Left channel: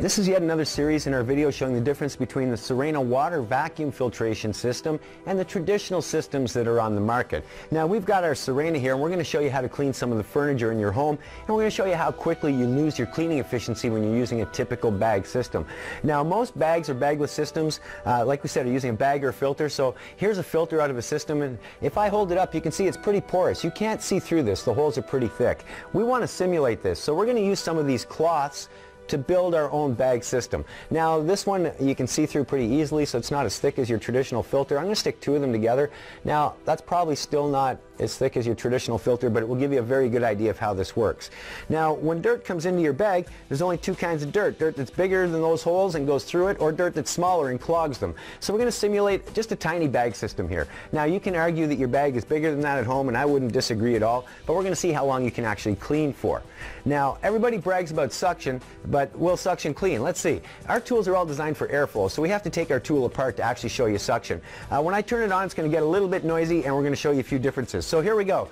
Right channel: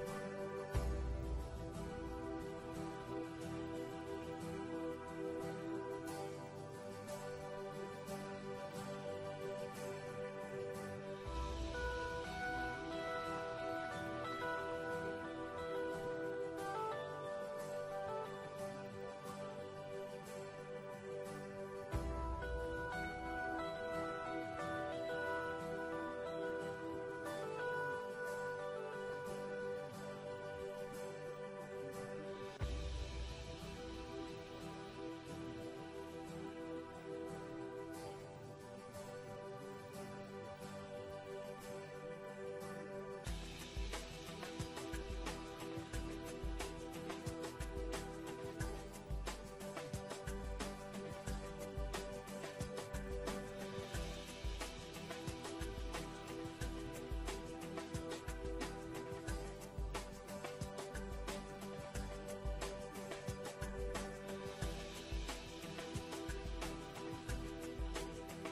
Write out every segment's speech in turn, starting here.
This is yet another series in our video showing the difference between the Sirena water vacuum filtration system and the traditional systems that are on the market. Now we've got our Sirena here and we're going to show you how to clean some of the furniture in your home, and we're going to show you how quickly you lose your cleaning efficiency when you're using a typical bag system. Now most bags or bagless systems, like we said, are using a bag or a filter. So here's a filter out of a system, and if I hold it up you can see it's pretty porous. You can't see through this. The holes are pretty thick. We want to simulate this, so we're going to use some of these cloths to build our own bag system. Now this one you can see through pretty easily, so it's not as thick as your traditional filter. I'm going to stick two of them together. Now that's probably still not as thick as your traditional filter, but it will give you a very good idea of how this works. Now when dirt comes into your bag, there's only two kinds of dirt. Dirt that's bigger than those holes and goes through it, or dirt that's smaller and clogs them. So we're going to simulate just a tiny bag system here. Now you can argue that your bag is bigger than that at home, and I wouldn't disagree at all, but we're going to see how long you can actually clean for. Now everybody brags about suction, but will suction clean? Let's see. Our tools are all designed for airflow, so we have to take our tool apart to actually show you suction. When I turn it on, it's going to get a little bit noisy, and we're going to show you a few differences. So here we go.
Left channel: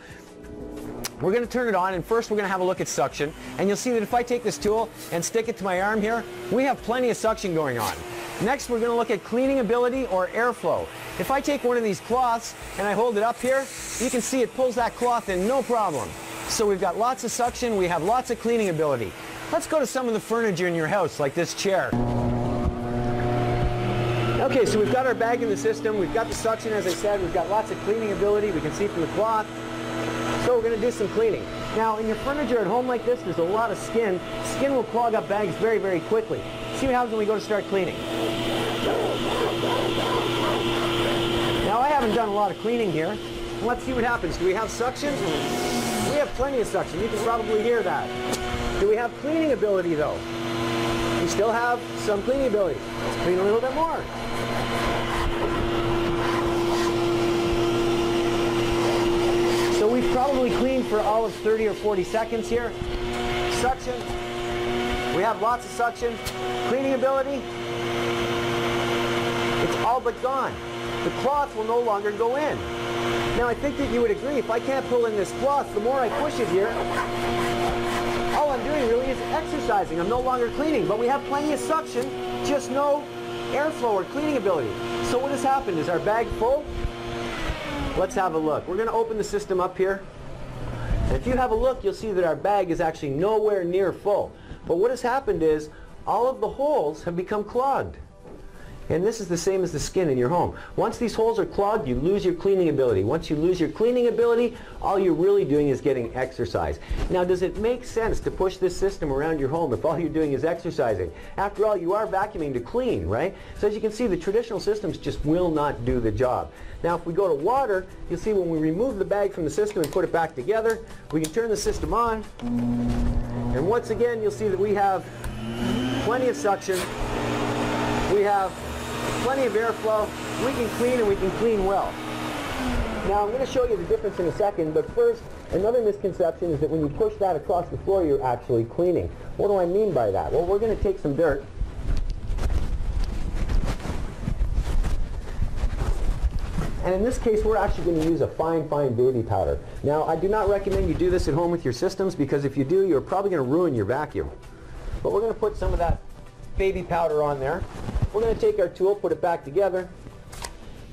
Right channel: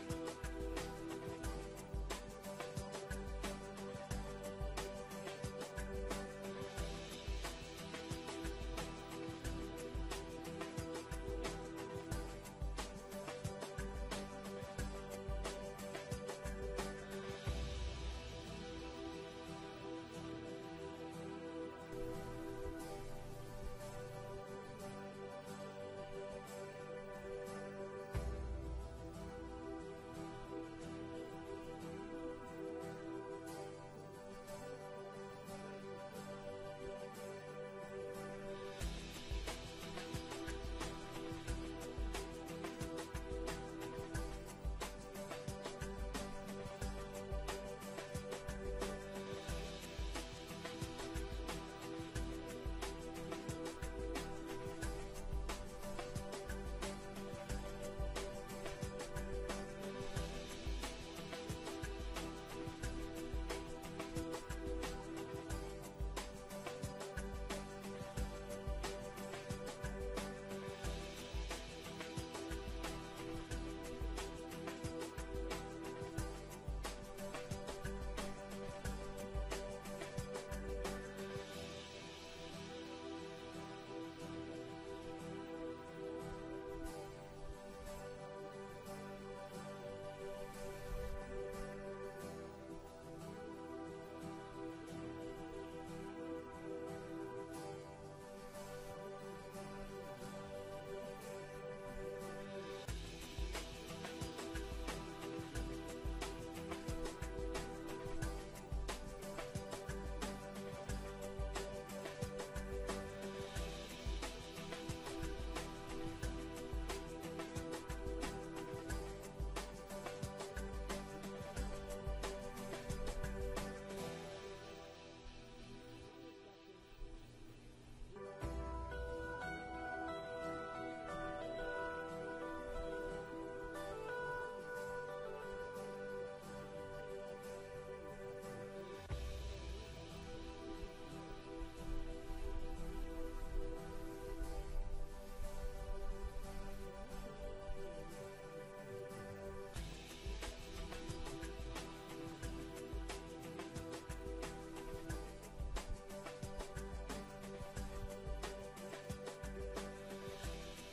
We're going to turn it on, and first we're going to have a look at suction, and you'll see that if I take this tool and stick it to my arm here, we have plenty of suction going on. Next we're going to look at cleaning ability or airflow. If I take one of these cloths and I hold it up here, you can see it pulls that cloth in no problem. So we've got lots of suction, we have lots of cleaning ability. Let's go to some of the furniture in your house, like this chair. Okay, so we've got our bag in the system, we've got the suction, as I said, we've got lots of cleaning ability, we can see from the cloth. So we're going to do some cleaning. Now in your furniture at home like this, there's a lot of skin. Skin will clog up bags very, very quickly. See what happens when we go to start cleaning. Now I haven't done a lot of cleaning here. Let's see what happens. Do we have suction? We have plenty of suction. You can probably hear that. Do we have cleaning ability though? We still have some cleaning ability. Let's clean a little bit more. So we've probably cleaned for all of 30 or 40 seconds here. Suction. We have lots of suction. Cleaning ability. It's all but gone. The cloth will no longer go in. Now I think that you would agree, if I can't pull in this cloth, the more I push it here, all I'm doing really is exercising. I'm no longer cleaning, but we have plenty of suction, just no airflow or cleaning ability. So what has happened? Is our bag full? Let's have a look. We're going to open the system up here. And if you have a look, you'll see that our bag is actually nowhere near full. But what has happened is all of the holes have become clogged. And this is the same as the skin in your home. Once these holes are clogged, you lose your cleaning ability. Once you lose your cleaning ability, all you're really doing is getting exercise. Now, does it make sense to push this system around your home if all you're doing is exercising? After all, you are vacuuming to clean, right? So as you can see, the traditional systems just will not do the job. Now, if we go to water, you'll see when we remove the bag from the system and put it back together, we can turn the system on. And once again, you'll see that we have plenty of suction. We have plenty of airflow. We can clean, and we can clean well. Now I'm going to show you the difference in a second, but first, another misconception is that when you push that across the floor, you're actually cleaning. What do I mean by that? Well, we're going to take some dirt. And in this case, we're actually going to use a fine, fine baby powder. Now, I do not recommend you do this at home with your systems, because if you do, you're probably going to ruin your vacuum. But we're going to put some of that baby powder on there. We're going to take our tool, put it back together.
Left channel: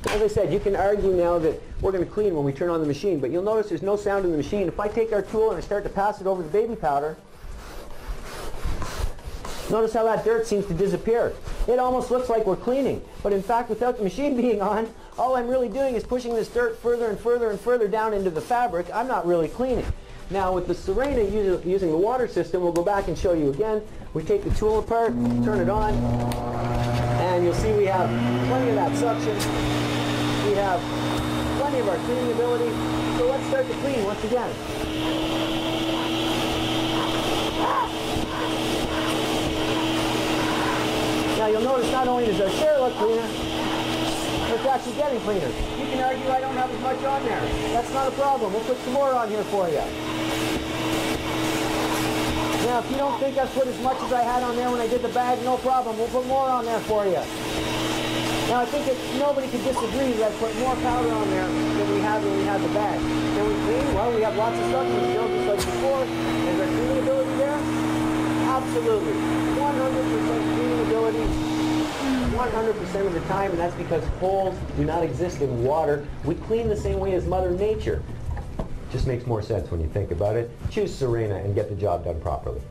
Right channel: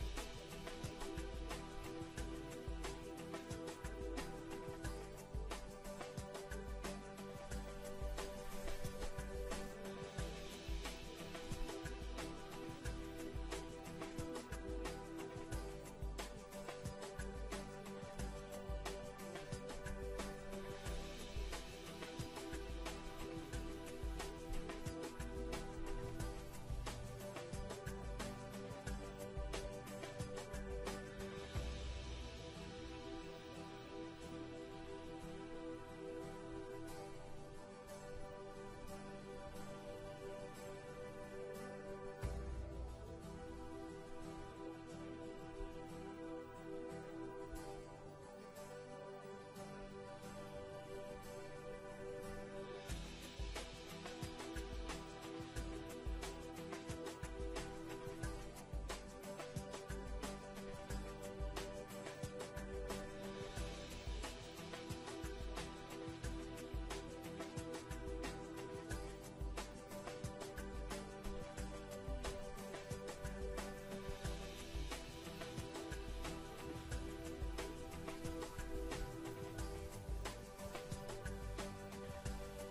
As I said, you can argue now that we're going to clean when we turn on the machine, but you'll notice there's no sound in the machine. If I take our tool and I start to pass it over the baby powder, notice how that dirt seems to disappear. It almost looks like we're cleaning, but in fact, without the machine being on, all I'm really doing is pushing this dirt further and further and further down into the fabric. I'm not really cleaning. Now with the Sirena using the water system, we'll go back and show you again. We take the tool apart, turn it on, and you'll see we have plenty of that suction. We have plenty of our cleaning ability. So let's start to clean once again. Now you'll notice not only does our chair look cleaner, but it's actually getting cleaner. You can argue I don't have as much on there. That's not a problem. We'll put some more on here for you. Now, if you don't think I've put as much as I had on there when I did the bag, no problem. We'll put more on there for you. Now, I think that nobody could disagree that I put more powder on there than we had when we had the bag. Can we clean? Well, we have lots of suction still, just like before. Is our cleaning ability there? Absolutely. 100% 100% of the time, and that's because holes do not exist in water. We clean the same way as Mother Nature. Just makes more sense when you think about it. Choose Sirena and get the job done properly.